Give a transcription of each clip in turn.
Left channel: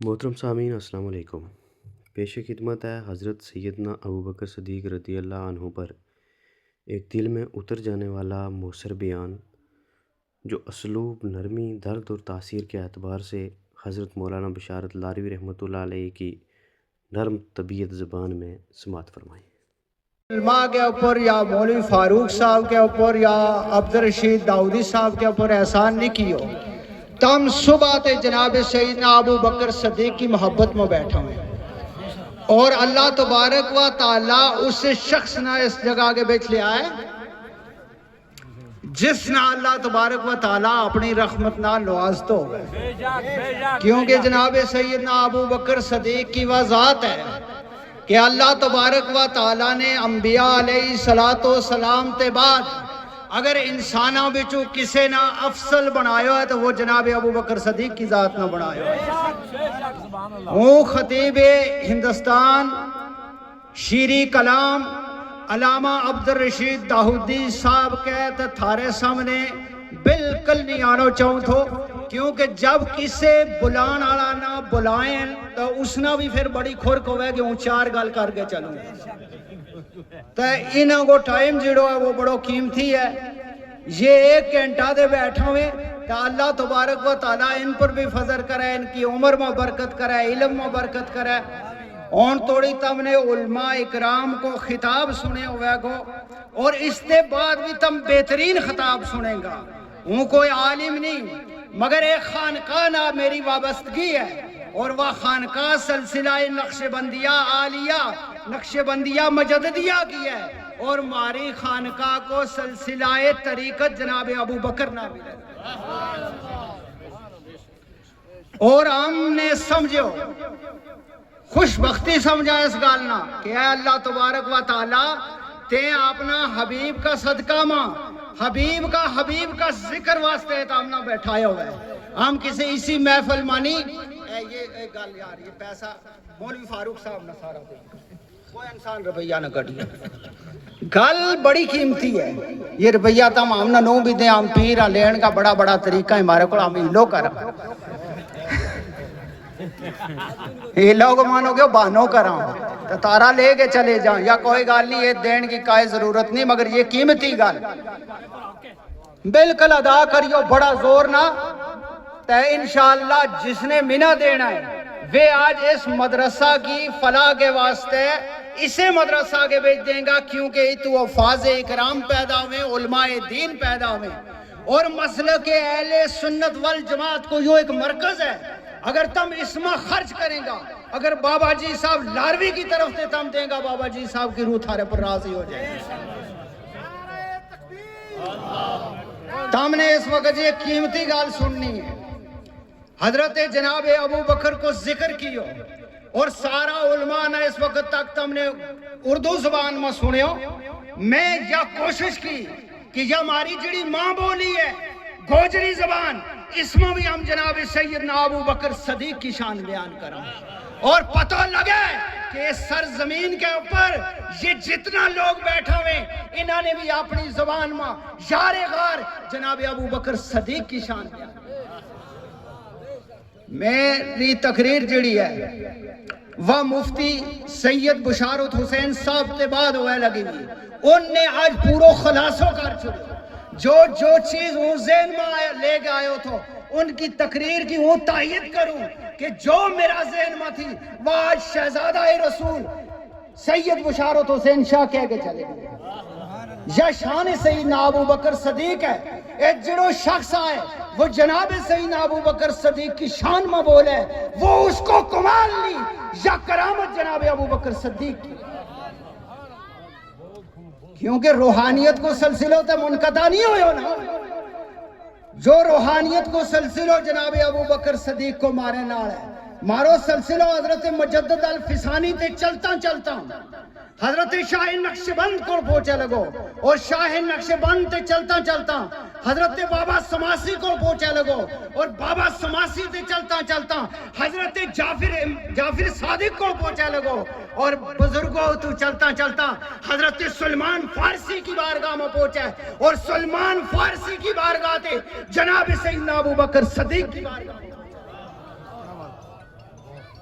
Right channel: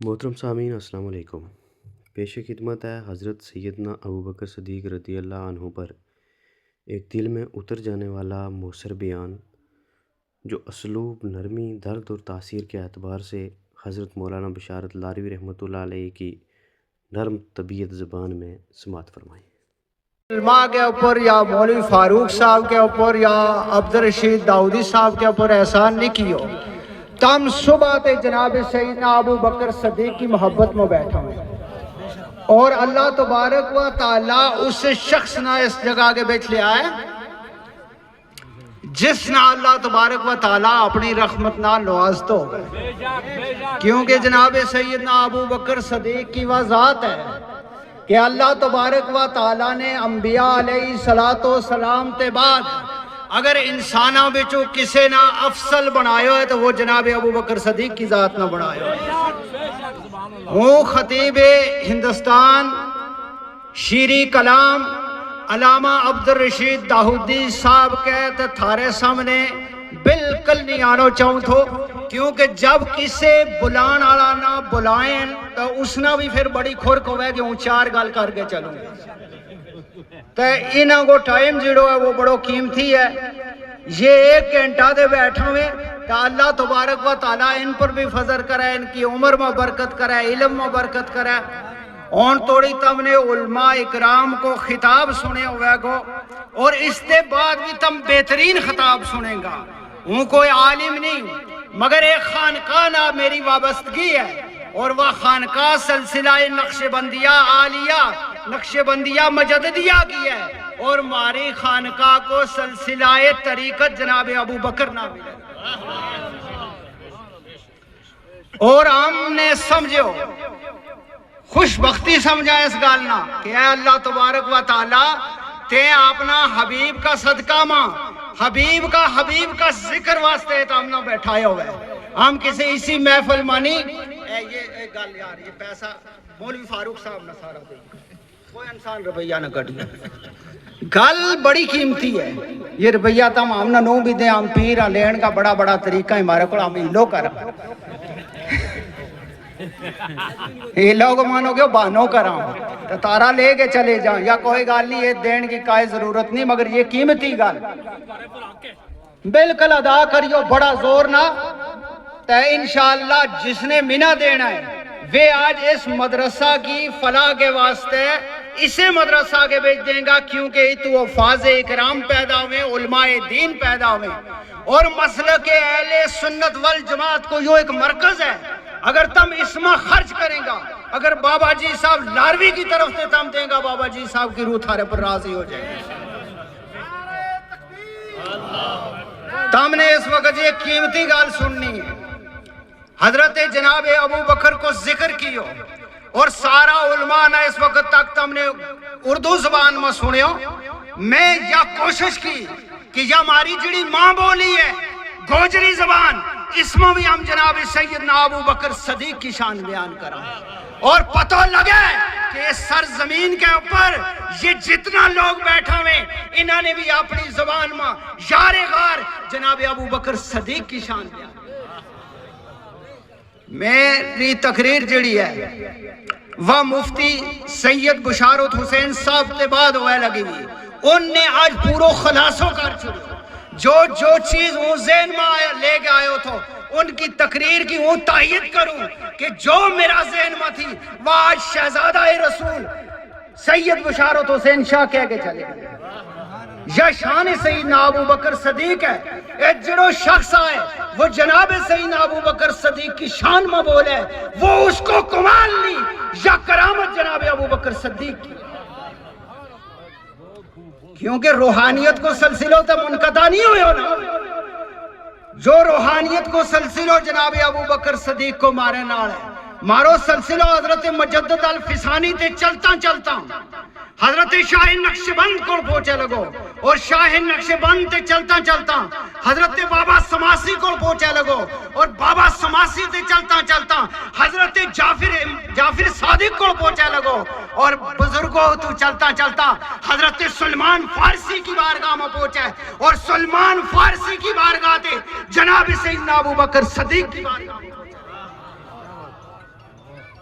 محترم سامعین السلام علیکم۔ پیش خدمت ہے حضرت سیدنا ابوبکر صدیق رضی اللہ عنہ پر ایک دل میں اتر جانے والا مؤثر بیان، جو اسلوب، نرمی، درد اور تاثیر کے اعتبار سے حضرت مولانا بشارت لاروی رحمۃ اللہ علیہ کی نرم طبیعت زبان میں سماعت فرمائیں۔ علماء کے اوپر یا مولوی فاروق صاحب کے اوپر یا عبدالرشید داؤدی صاحب کے اوپر احسان نہیں کیو، تم صبح تے جناب سیدنا ابو بکر صدیق کی محبت میں بیٹھا ہوئے اور اللہ تبارک و تعالیٰ اس شخص نہ اس جگہ کے بیچ لے آئے جس نہ اللہ تبارک و تعالیٰ اپنی رحمت نہ نواز تو، کیونکہ جناب سیدنا ابو بکر صدیق کی وہ ذات ہے کہ اللہ تبارک و تعالیٰ نے انبیاء علیہ السلام تے بعد اگر انسانہ بچوں کسے نہ افضل بنایا ہے تو وہ جناب ابو بکر صدیق کی ذات نہ بنایا ہے۔ وہ خطیب ہندوستان شیریں کلام علامہ عبدالرشید داؤدی صاحب کے تھارے سامنے بالکل نہیں آنا چاہوں تھو، کیونکہ جب کسے بلان آلا نہ بلائیں تو اس نے بھی پھر بڑی کھرک ہوئے کہ وہ چار گال کر کے چلوں تو انہوں کو ٹائم جڑو ہے وہ بڑو قیمتی ہے۔ یہ ایک گھنٹہ دے بیٹھا ہوئے تو اللہ تبارک و تعالیٰ ان پر بھی فضل کرے، ان کی عمر میں برکت کرے، علم میں برکت کرے۔ اور توڑی تم نے علماء اکرام کو خطاب سنے ہوئے گو اور اس کے بعد بھی تم بہترین خطاب سنیں گا۔ وہ کوئی عالم نہیں مگر ایک خانقاہ نہ میری وابستگی ہے، اور وہ خانقاہ سلسلہ نقش بندیہ عالیہ نقش بندیہ مجددیہ کی ہے، اور ہماری خانقاہ کو سلسلہ طریقت جناب ابو بکر نہ ملے۔ اور ہم نے سمجھو خوش بختی سمجھا اس گالنا کہ اے اللہ تبارک و تعالیٰ تے اپنا حبیب کا صدقہ ماں حبیب کا ذکر واسطے تو ہم نہ بیٹھائے ہوئے، ہم کسی اسی محفل مانی یہ گل یار یہ پیسہ مولوی فاروق صاحب نے سارا دے کوئی انسان رویہ نہ کٹیا، گل بڑی قیمتی ہے۔ یہ رویہ تم ہم نہ نو بھی دیں، ہم پیر لین کا بڑا بڑا طریقہ ہمارے کو ہم ہیلو کر یہ لوگ مانو گے بانو کراں تو تارا لے کے چلے جائیں یا کوئی گال نہیں، یہ دین کی کوئی ضرورت نہیں، مگر یہ قیمتی گال بالکل ادا کریو بڑا زور نہ تو انشاءاللہ جس نے منہ دینا ہے وہ آج اس مدرسہ کی فلاح کے واسطے اسے مدرسہ کے بیچ دیں گا، کیونکہ تو حفاظ اکرام پیدا ہوئے، علماء دین پیدا ہوئے، اور مسلک اہل سنت والجماعت کو یہ ایک مرکز ہے۔ اگر تم اس میں خرچ کریں گا، اگر بابا جی صاحب لاروی کی طرف سے تم دیں گا، بابا جی صاحب کی روح تھارے پر راضی ہو جائے گی۔ تم نے اس وقت یہ قیمتی گال سننی ہے، حضرت جناب ابو بکر کو ذکر کیو، اور سارا علماء نے اس وقت تک تم نے اردو زبان میں سنیو۔ میں یہ کوشش کی کہ یہ ہماری جڑی ماں بولی ہے گوجری زبان، اس میں بھی ہم جناب سیدنا ابو بکر صدیق کی شان بیان کریں، اور پتہ لگے کہ اس سرزمین کے اوپر یہ جتنا لوگ بیٹھا ہوئے انہوں نے بھی اپنی زبان میں یار غار جناب ابو بکر صدیق کی شان بیان۔ میری تقریر جڑی ہے وہ مفتی سید بشارت حسین صاحب کے بعد ہوئے لگی ہوئی، ان نے آج پورو خلاصو کر چھوڑی، جو چیز وہ ذہن میں لے کے آئے تھو ان کی تقریر کی وہ تائید کروں کہ جو میرا ذہن میں تھی وہ آج شہزادہ رسول سید بشارت حسین شاہ کہہ کے چلے گئے۔ یہ شان سیدنا ابو بکر صدیق ہے، ایک جڑو شخص آئے وہ جناب سیدنا ابو بکر صدیق کی شان میں بولے، وہ اس کو کمال نہیں یا کرامت جناب ابو بکر صدیق کی، کیونکہ روحانیت کو سلسلوں تے منقطع نہیں ہوئے ہو نا، جو روحانیت کو سلسلوں جناب ابو بکر صدیق کو مارے نال ہے، مارو سلسلہ حضرت مجدد الفسانی تے چلتا چلتا حضرت شاہ نقشبند کو پہنچے لگو، اور شاہ نقشبند تے چلتا چلتا حضرت بابا سماسی کو پہنچے لگو، اور بابا سماسی تے چلتا چلتا حضرت جعفر صادق کو پہنچے لگو، اور بزرگوں تو چلتا چلتا حضرت سلمان فارسی کی بارگاہ میں پہنچے، اور سلمان فارسی کی بارگاہ تے جناب سیدنا ابو بکر صدیق کی بارگاہ میں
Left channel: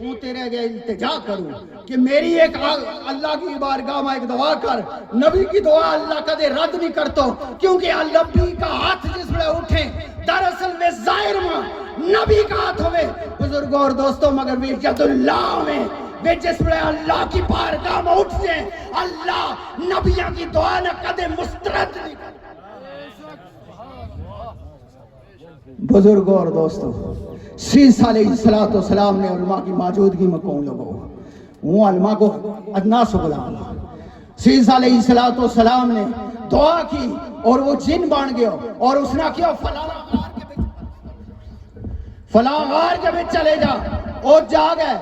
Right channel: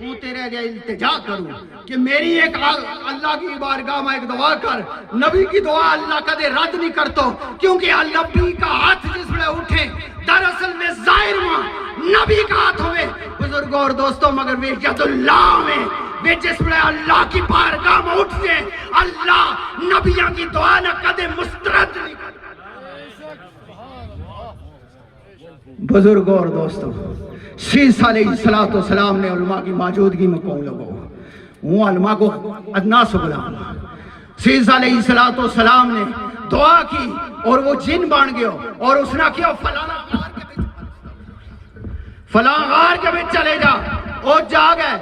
ہوں تیرے آگے التجا کروں کہ میری ایک اللہ کی بارگاہ میں ایک دعا کر. نبی کی دعا اللہ کدے رد نہیں کرتا کیونکہ نبی کا ہاتھ جس میں اٹھے دراصل میں ظاہر ماں نبی کا ہاتھ ہوئے بزرگوں اور دوستوں مگر وہ ید اللہ میں وہ جس میں اللہ کی بارگاہ میں اٹھ سے اللہ نبیوں کی دعا نہ کدے مسترد نہیں کرتا. بزرگوں اور دوستوں سیسا علیہ السلام نے علماء کی موجودگی میں کون لگو وہ علماء کو ادنا سے بلاؤں. سیسا علیہ السلام نے دعا کی اور وہ جن بن گیا اور اس نے کیا فلاں غار کے بیچ چلے جا اور جا گئے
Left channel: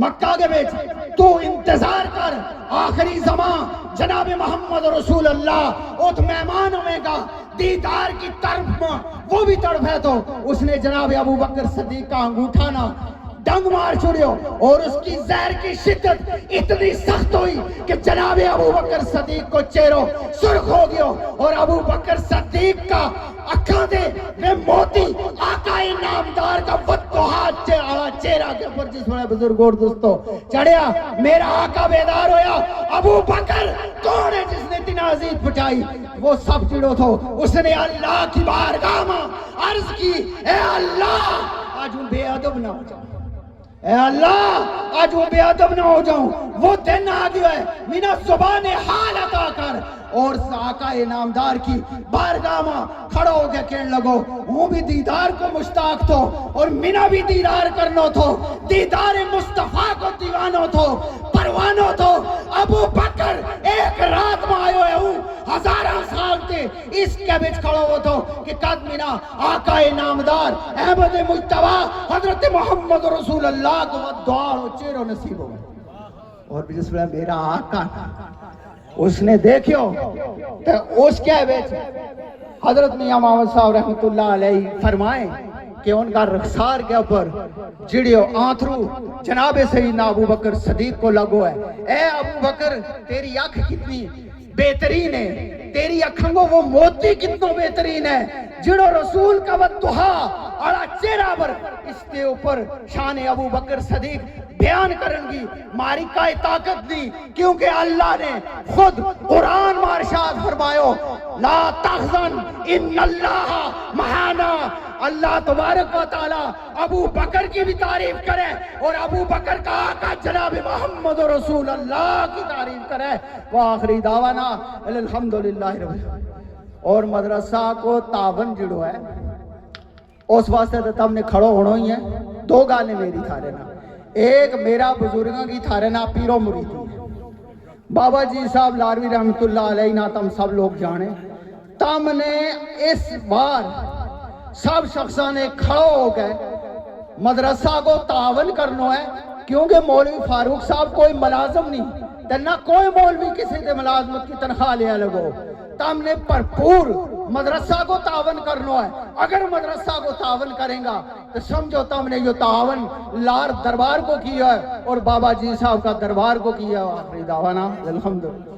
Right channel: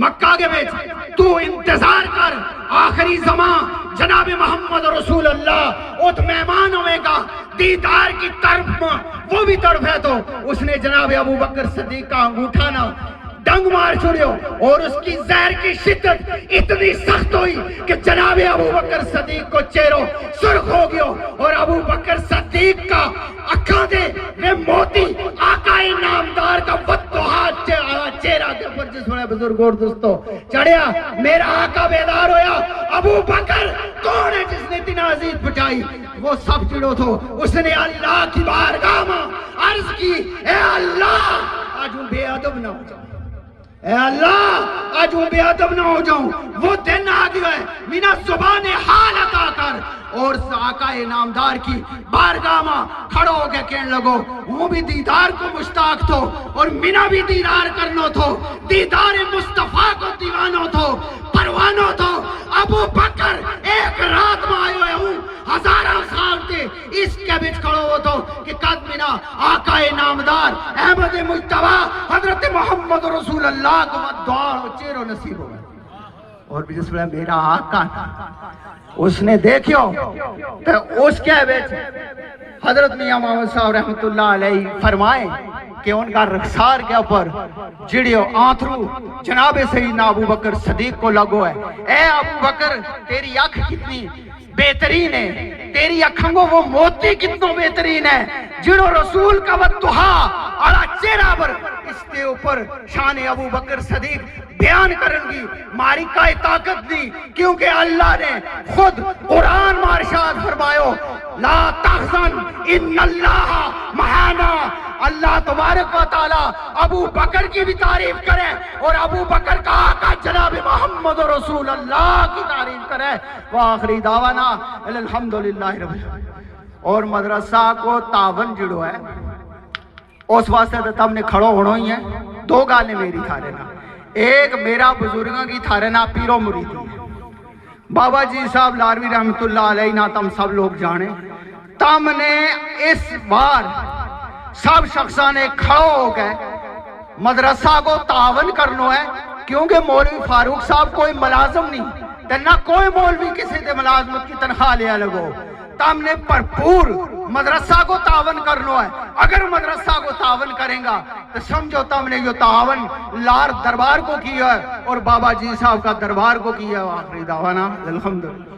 مکہ کے بیچ تو انتظار کر آخری زمان جناب محمد رسول اللہ اوت مہمان ہوئے گا دیدار کی طرف وہ بھی طرف ہے. تو اس نے جناب ابو بکر صدیق کا انگوٹھا نہ ڈنگ مار چھوڑیو اور اس کی زہر کی شدت اتنی سخت ہوئی کہ جناب ابو بکر صدیق کو چہروں سرخ ہو گیا اور ابو بکر صدیق کا اکھاں دے میں موتی آقا نامدار کا فتوحات چہرہ کے پر جس میں بزرگ اور دوستو چڑھیا میرا آقا بیدار ہویا. ابو بکر کون ہے جس نے اتنی عزیز بٹائی؟ وہ سب چڑھو تھو. اس نے اللہ کی بارگاہ میں عرض کی اے اللہ آج ہوں بے ادب نہ ہو جاؤں, اے اللہ آج وہ بے ادب نہ ہو جاؤں. وہ دن آ گیا ہے مینا زبان حال عطا کر اور آقا نامدار کی بارگاہ میں کھڑا ہو کے کہنے لگو وہ بھی دیدار کو مشتاق تھو اور مینا بھی دیدار کرنو تھو دیدار مصطفیٰ کو دیوانو تھو پروانو تھو. ابو بکر ایک رات میں آئے ہوئے ہوں ہزارہ سال تے اس کے بچ کھڑا ہو تو کہ قد مینا آقا نامدار احمد مجتبی حضرت محمد رسول اللہ کو دعا و چیرو نصیب ہو اور جس میں میرا آقا اس نے دیکھو تو اس کے بیچ حضرت میاں محمد صاحب رحمت اللہ علیہ فرمائیں کہ ان کا رخسار کے اوپر جڑیو آنتھرو جناب سیدنا ابو بکر صدیق کو لگو ہے. اے ابو بکر تیری آنکھ کتنی بہترین ہے, تیری اکھنگو وہ موتی کتنو بہترین ہے جڑو رسول کا وطہا اڑا چہرہ پر اس کے اوپر شان ابو بکر صدیق بیان کرن گی ماری کا طاقت دی کیونکہ اللہ نے خود قرآن مارشاد فرمایو لا تحزن ان اللہ معنا. اللہ تبارک و تعالی ابو بکر کی بھی تعریف کرے اور ابو بکر کا آقا جناب محمد رسول اللہ کی تعریف کرے. وآخری دعوانا الحمدللہ رب العالمین. اور مدرسہ کو تعاون جڑو ہے اس واسطے تو تم نے کھڑو ہونا ہی ہے. دو گالیں میری تھارے نا, ایک میرا بزرگاں کی تھارے نا پیرو مریدی ہے. بابا جی صاحب لاروی رحمت اللہ علیہ نا تم سب لوگ جانے تم نے اس بار سب شخصاں نے کھڑو ہو گئے مدرسہ کو تعاون کرنو ہے کیونکہ مولوی فاروق صاحب کوئی ملازم نہیں تے نہ کوئی مولوی کسی دے ملازمت کی تنخواہ لیا لگو. تم نے بھرپور مدرسہ کو تعاون کرنو ہے. اگر مدرسہ کو تعاون کریں گا تو سمجھو تم نے یہ تعاون لار دربار کو کیا ہے اور بابا جی صاحب کا دربار کو کیا ہے. آخری دعوانا الحمدللہ.